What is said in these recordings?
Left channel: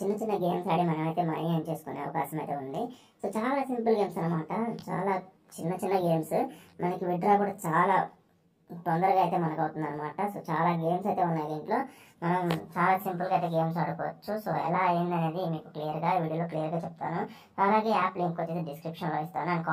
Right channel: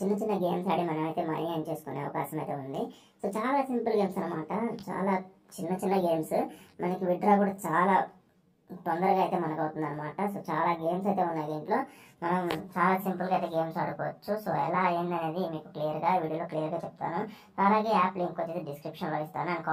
చిన్న చిన్న గేమ్స్ ఆడి మనమైతే మనీ ఎర్న్ చేసుకునే అవకాశం అయితే ఉంది. సో చాలా సింపుల్ గేమ్స్ అనమాట. చాలా చిన్న చిన్న గేమ్స్, మనకి విత్డ్రా కూడా చాలా తొందరగా అయితే మనకు అవుతుంది అనమాట. సో చాలా గేమ్స్ అయితే ఉన్నాయి దీంట్లో. మనం చాలా సింపుల్గా అయితే గేమ్స్ ఆడుకోవచ్చు. సో ఎలా అయింది అనేది మీకు క్లియర్గా వీడియోలో క్లియర్గా చెప్తాను. అలాగే యాప్ లింక్ వచ్చేసి డిస్క్రిప్షన్లో ఇస్తాను అండ్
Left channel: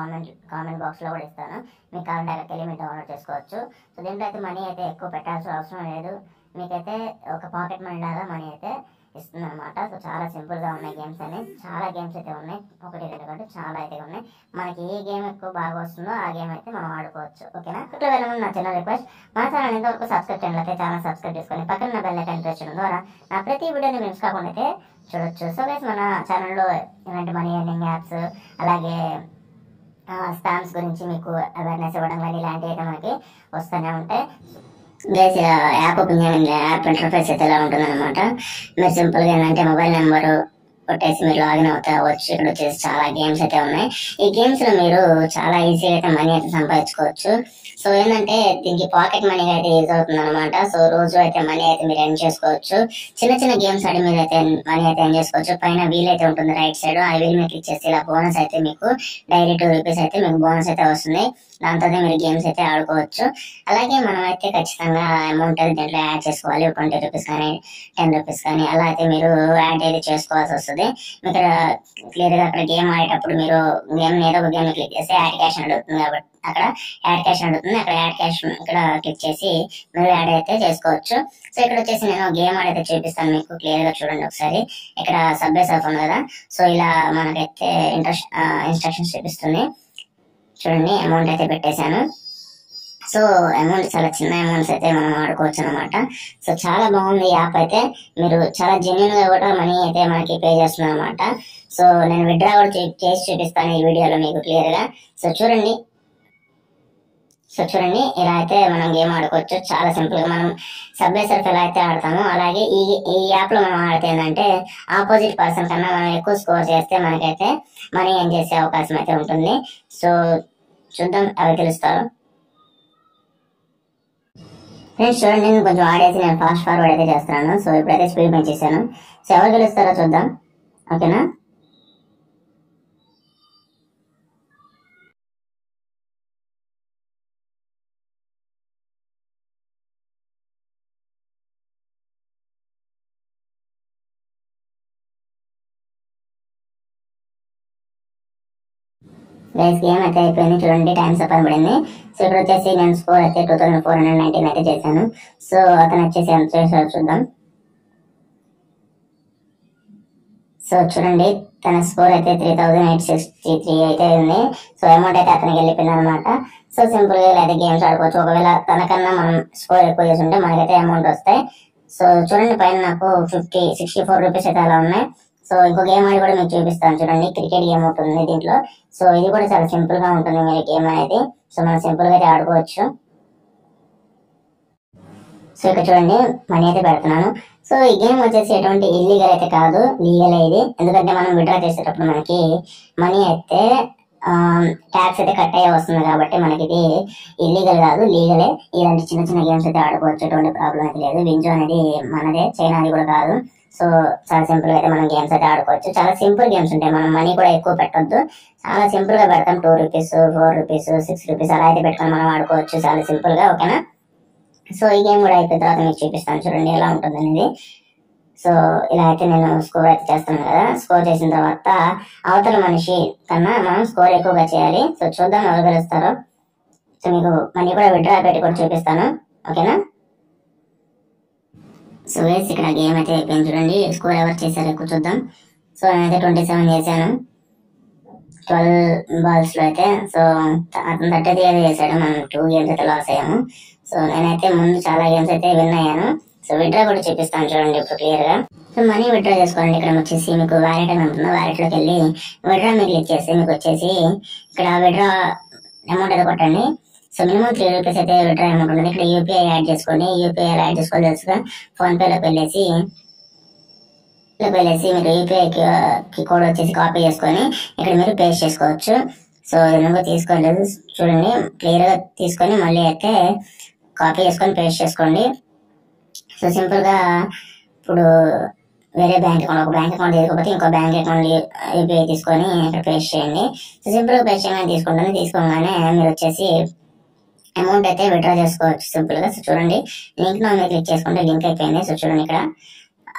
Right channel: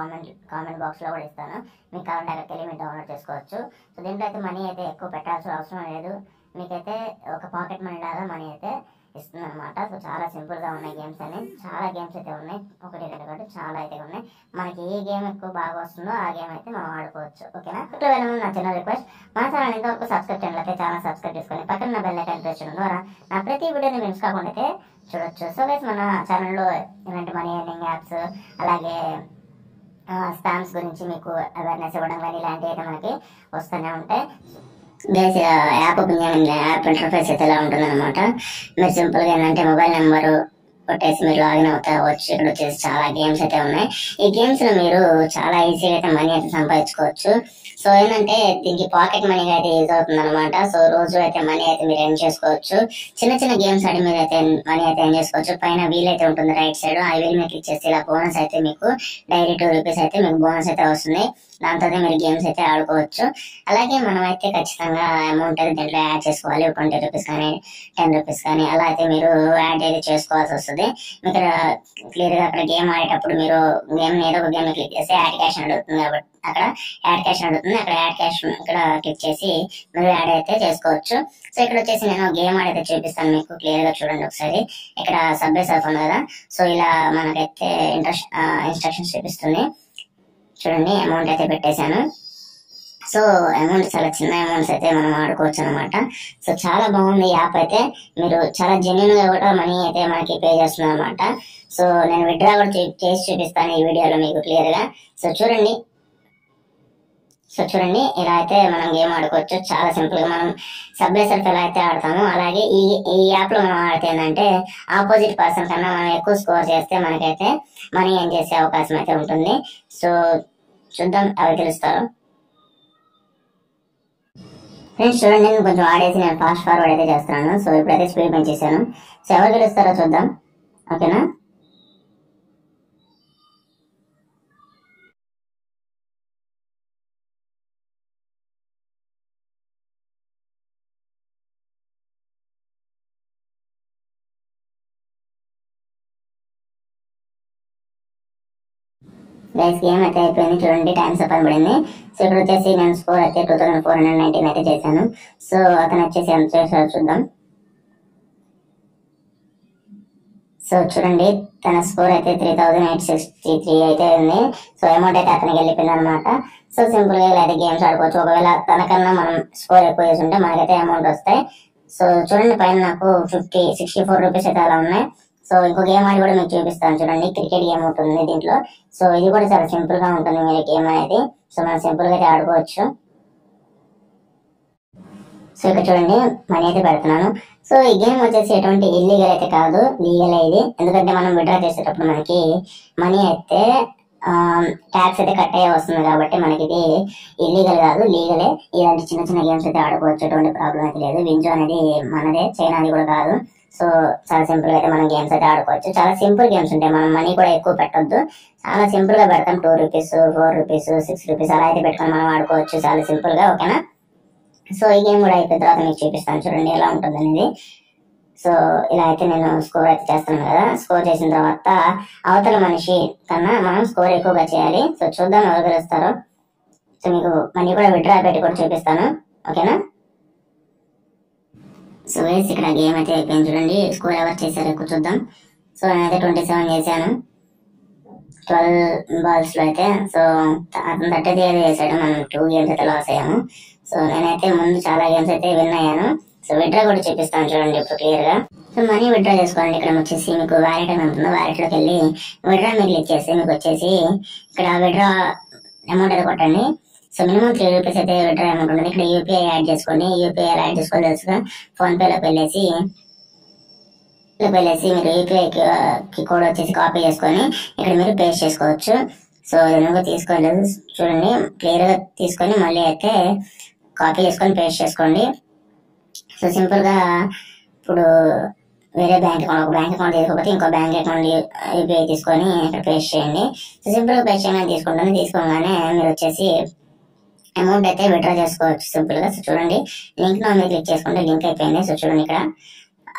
కామెంట్ బాక్స్లో కూడా ఇస్తాను. మీకు కావాలంటే అక్కడికి వెళ్ళి మీరు డౌన్లోడ్ చేసుకోవచ్చు. సో దీంట్లో అయితే మనీ అయితే ఎక్కువ పెట్టాల్సిన అవసరం లేదు. మీకైతే ఒక పాకెట్ మనీ లాగా మనీ అయితే ఇస్తుంది అనమాట. సో చాలా సింపుల్గా ఉన్నాయి గేమ్స్ అని. చాలా గేమ్స్ అయితే ఉన్నాయి, ఒకటి రెండు కాదు చాలా అయితే ఉన్నాయి. మనకి ఏ గేమ్ ఎక్కువ బాగా వస్తుందో ఆ గేమ్ అయితే మనం ఆడుకోవచ్చు. ఓకేనా? ఇట్లా వెళ్ళమని నా చిన్న రిక్వెస్ట్, మన ఛానల్ ఇంతవరకు సబ్స్క్రైబ్ చేయండి అయితే ఛానల్ సబ్స్క్రైబ్ చేసుకొని పక్కన బెల్ ఐకాన్ ప్రెస్ చేయడం ద్వారా నా ప్రతి వీడియోని మిస్ కాకుండా అయితే చూడొచ్చు. సో గైస్, మన ఛానల్లో ఇలాంటి మనీ ఎర్నింగ్ యాప్స్, అలాగే స్పామ్స్ గురించి మీకు అవేర్నెస్ ఇవ్వడం కానీ ఇలాంటివి అయితే మనకి వస్తూనే ఉంటాయి. గైస్, యాప్ ఓపెన్ చేయండి. యాప్ ఇంటర్ఫేస్ అయితే ఎలా ఉంటుందన్నమాట. మీరు సింపుల్గా ఏంటంటే మొబైల్ నెంబరు కొట్టేసి మీరు లాగిన్ అవుతావచ్చు. ఇక్కడ వచ్చేసి చాలా గేమ్స్ అయితే ఉన్నాయి. ఈ గేమ్స్లో మీరు చాలా ఈజీగా అయితే మనీ అయితే సంపాదించుకోవచ్చు. సో ఏంటంటే దీనికి పాకెట్ మనీగా అయితే యూజ్ అవుతుంది అనమాట. సో రోజు అయితే మనీ అయితే మీరు ఎర్న్ చేసుకోవచ్చు. చిన్న చిన్న గేమ్స్ ఆడి మీరు అయితే మనీ అయితే ఎర్న్ చేసుకోవచ్చు. పైన వీల్ అయితే ఉంటుంది రైట్ సైడ్, ఆ వీల్ మీద క్లిక్ చేస్తే ఇలా బోనస్ అయితే మీకు డైలీ 2 రూపీస్ అయితే మీకు బోనస్ అయితే వస్తుంది. దాంతో మీరు గేమ్స్ అయితే ఆడుకోవచ్చు. అలాగే మనం అయితే ఖచ్చితంగా అమౌంట్ అయితే దీంట్లో యాడ్ చేసుకోవాలి. 20 రూపీస్ కానీ 10 రూపీస్ కానీ అలా అయితే మీరు యాడ్ అయితే చేసుకోవాల్సి వస్తుంది. మీకు క్లియర్గా అక్కడ గేమ్ ఆడేటప్పుడు మీరు గేమ్ ఏదో ఒక గేమ్ క్లిక్ చేసి యాడ్ క్యాష్ అడుగుతుంది కాబట్టి అక్కడ యాడ్ క్యాష్ అడుగుతుంది. అక్కడ యాడ్ క్యాష్ ఇక్కడ క్లిక్ చేసి మీరు యాడ్ అయితే చేసుకోవచ్చు. సో ఇక్కడ వచ్చేసి నేను గేమ్ ఆడైతే చూపిస్తాను మీకు క్లియర్గా చూడండి ఒకసారి. ఇక్కడ సబ్వే సర్ఫ్ ఉంది కదా, సో ఇలా మనకైతే ఇన్స్ట్రక్షన్స్ చూపిస్తుంది. చూడండి, అమౌంట్ అయితే పెట్టేశాను. సో అమౌంట్ చాలా చిన్న అమౌంట్స్ అయితే మనం ఆడుకోవచ్చు అనమాట. సో చాలా బాగుంది యాప్ అయితే. మీరు చాలా జెన్యున్ గా కూడా మనీ అయితే మనకి పే చేస్తుంది అనమాట. సో నేను విత్డ్రా కూడా చేసి చూపిస్తాను ఈ వీడియోలో మీకు క్లియర్ గా. సో చూడండి ఇలా అయితే మనం గేమ్ ఆడుకోవచ్చు. చాలా సింపుల్ గా మనం సబ్వే సర్ఫ్ ఎలా అయితే ఆడతామో అలాగే ఈ యాప్ లో మనం ఆడితే ఏంటంటే ఆపోజిట్ పర్సన్ కన్నా మనం ఎక్కువ స్కోర్ చేస్తే మనకైతే మనీ ఎర్న్ చేసే అవకాశం అయితే ఉంటుంది. సో చూద్దాం అవి తెలుస్తారు. ఫ్రెండ్స్ చూడండి, నేను కొంచెం ఆడేసి నేను ఫాస్ట్ ఫార్వర్డ్ అయితే చేస్తున్నాను. సో ఇప్పుడైతే స్పీడ్ పెంచేసాను. సో ఎవరు గెలుస్తారో చూద్దాం. ఓకేనా? గైస్, గేమ్ అయితే అయిపోయింది. చూడండి, టైం అప్ అని పడింది. సో ఇక్కడ వచ్చేసి నేను స్కోర్ అయితే 2419 అయితే చేశాను. సో అతను వచ్చేసి ఎంత చేశారో చూద్దాం. సో చూడండి, తన స్కోర్ అయితే 3863 అయితే ఉంది. సో అమౌంట్ అయితే అతనికి వెళ్ళిపోయింది అనమాట. సో సింపుల్ గా ఇలా అయితే గేమ్స్ ఆడుకోవచ్చు. ఒకవేళ తనకన్నా మనం స్కోర్ ఎక్కువ చేసి ఉంటే మనకైతే అమౌంట్ వస్తాయి. సో చూడండి, పైన నాకు 64 రూపీస్ అయితే అలా ఉన్నాయి. సో ఇంకో గేమ్ ఆడి కూడా మీకు చూపిస్తాను. చూడండి, క్రికెట్ గేమ్ ఉంటుంది దీంట్లో. సో ఇది కూడా చాలా సింపుల్ గా ఉంటుంది మీరు గేమ్ అనేది. సో మనం సింపుల్ గా అయితే ఆడుకోవచ్చు. సో ఇక్కడ చూడండి, మనీ అయితే పెడుతున్నాను. సో ఈ గేమ్ వచ్చేసి ఎటువంటి ఇల్లీగల్ అయితే కాదు, లీగల్ ఇది. ఎందుకంటే మనం విత్డ్రా చేసేటప్పుడు మనకి మనీ అయితే ట్యాక్స్ అయితే కట్ అయ్యే వస్తుంది కాబట్టి మనకి ఇది ఇల్లీగల్ కాదు, లీగలే. ఇలాంటి చిన్న చిన్న గేమ్స్ అయితే ఆడుకోవచ్చు, ఎటువంటి ప్రాబ్లం అయితే లేదు. వింజో అనేది మనదే, చైనాది కూడా కాదు. సో చాలా సింపుల్ గా అయితే మనం గేమ్స్ అయితే ఆడుకోవచ్చు. చాలా సింపుల్ గేమ్స్ ఉంటాయి. మనం మనీ కూడా ఎక్కువ పెట్టొద్దు, చాలా సింపుల్ గా పెడతాం. 2 రూపీస్ 4 రూపీస్ 6 రూపీస్ అలా అయితే పెట్టుకొని మనం ఆడుకోవచ్చు చాలా సింపుల్ గా. ఓకేనా? సో ఈ గేమ్ కూడా అయిపోయిన తర్వాత మీకు చూపిస్తాను. చూడండి ఎలా ఉంటుంది అనేది. సో ఇలా అయితే నేను స్కోర్ అయితే చేస్తున్నాను కదా. స్కోర్ చేసిన తర్వాత అవతల మనిషి కన్నా మనం స్కోర్ ఎక్కువగా చేయాలి. సో చూద్దాం ఎవరు గెలుస్తారో. సో మీకు మనీ కూడా విత్డ్రా పెట్టి కూడా చూపిస్తాను. ఓకేనా? సో వేసి ఇక్కడ గేమ్ అయితే అయిపోయింది. చూడండి స్కోర్ ఎవరు చేశారో ఎక్కువ చూద్దాం. సో నేనైతే 27 చేశాను 12 బాల్స్ లో అయితే. సో అతను 33 చేశాడు. మనం 2 గేమ్స్ అయితే లాస్ అయ్యాము. సో నేనైతే ముందు చాలా గేమ్స్ అయితే విన్ అయ్యాను. సో విత్డ్రా కూడా చూపిస్తాను చూడండి ఇప్పుడు క్లియర్ గా. సో మనీ విత్డ్రా చేసుకోవాలండి. ఇక్కడ వచ్చేసి మీకు వ్యాలెట్ అని ఉంటుందో వ్యాలెట్ లోకి వెళ్ళి విత్డ్రా మీరు క్లిక్ చేస్తే మీకు వచ్చేసి ఇక్కడ విత్డ్రా అమౌంట్ అయితే కొట్టండి. సో మినిమం 3 రూపీస్ అయితే విత్డ్రా అమౌంట్ ఉంటుంది. ఇక్కడ యూపీఐ యాడ్ చేసుకోండి. యూపీఐ యాడ్ చేసుకోవాలి తెలుసుగా. ఫోన్ పేలోకి వెళ్ళేసి మీరు యూపీఐ కోడ్ వచ్చేసి కాపీ చేసుకొని ఇక్కడ మీరు పేస్ట్ చేసుకోవచ్చు. సో ఎందుకు తీసుకోలేదు చూడండి, క్లియర్ గా తీసుకొని మళ్ళీ అయితే కాపీ చేసుకొని పేస్ట్ చేసుకోండి. సో సింపుల్ గా ఇప్పుడు వేరే బ్యాంక్ అకౌంట్, ఒక బ్యాంక్ అకౌంట్ తీసుకోకపోతే ఇంకో బ్యాంక్ అకౌంట్ యూపీఐ తీసుకొని ఇక్కడ పేస్ట్ చేయండి. సో సింపుల్గా పేస్ట్ చేయగానే తీసుకుంటుంది. తీసుకోగానే మీరు వచ్చేసి అమౌంట్ అయితే విత్డ్రా చేసుకోవచ్చు సింపుల్గా. సో చూడండి, లింక్ మీద క్లిక్ చేసుకుంటే లింక్ అయిపోయింది. సో చూడండి ఇక్కడ,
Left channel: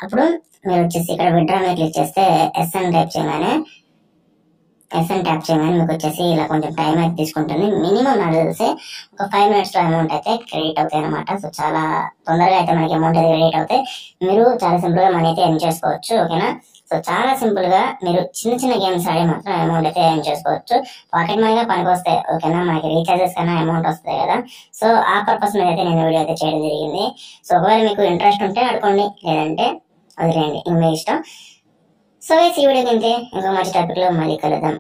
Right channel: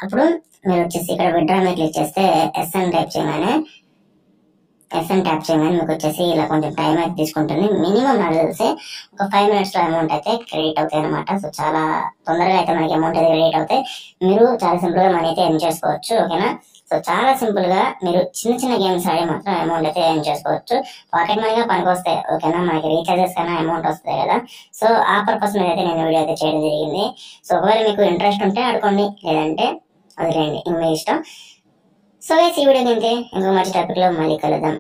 అప్పుడు మీరు వచ్చేసి ఇక్కడ విత్డ్రా మీద క్లిక్ చేస్తే ఎస్ఎన్ ట్యాప్ చేయగానే మీకు వచ్చేసి ఇలా కొంచెం టైం అయితే తీసుకుంటుంది. మినిమం నాకు తెలిసి ఒక 5 minutesలో అమౌంట్ అయితే క్రెడిట్ అవుతాయి అనమాట. సో చాలా తొందరగా అయితే మనకి అమౌంట్ అయితే క్రెడిట్ అవుతాయి. మీరు చాలా సింపుల్గా మనీ అయితే ఎర్న్ చేసుకోవచ్చు. ఓకేనా. సో చాలా సింపుల్గా మీరు చిన్న గేమ్స్ ఆడి మాత్రం అమౌంట్ అయితే ఎర్న్ చేసుకోవచ్చు. పాకెట్ మనీగా పనికి వస్తాయి. ఓకేనా, మనకి రీఛార్జెస్ కన్నా అమౌంట్ వస్తుంది కదా. సో ఆ పర్పస్ మీద అయితే నేను వీడియో అయితే చేయడం జరిగింది. సో ఒకవేళ మీకు ఇంట్రెస్ట్ ఉంటే ఆడుకోండి, లేదంటే వదిలేయండి, మీ ఇష్టం. సో ఈ వీడియో ఇంకో మంచి టాపిక్లో మళ్ళీ కలుద్దాం.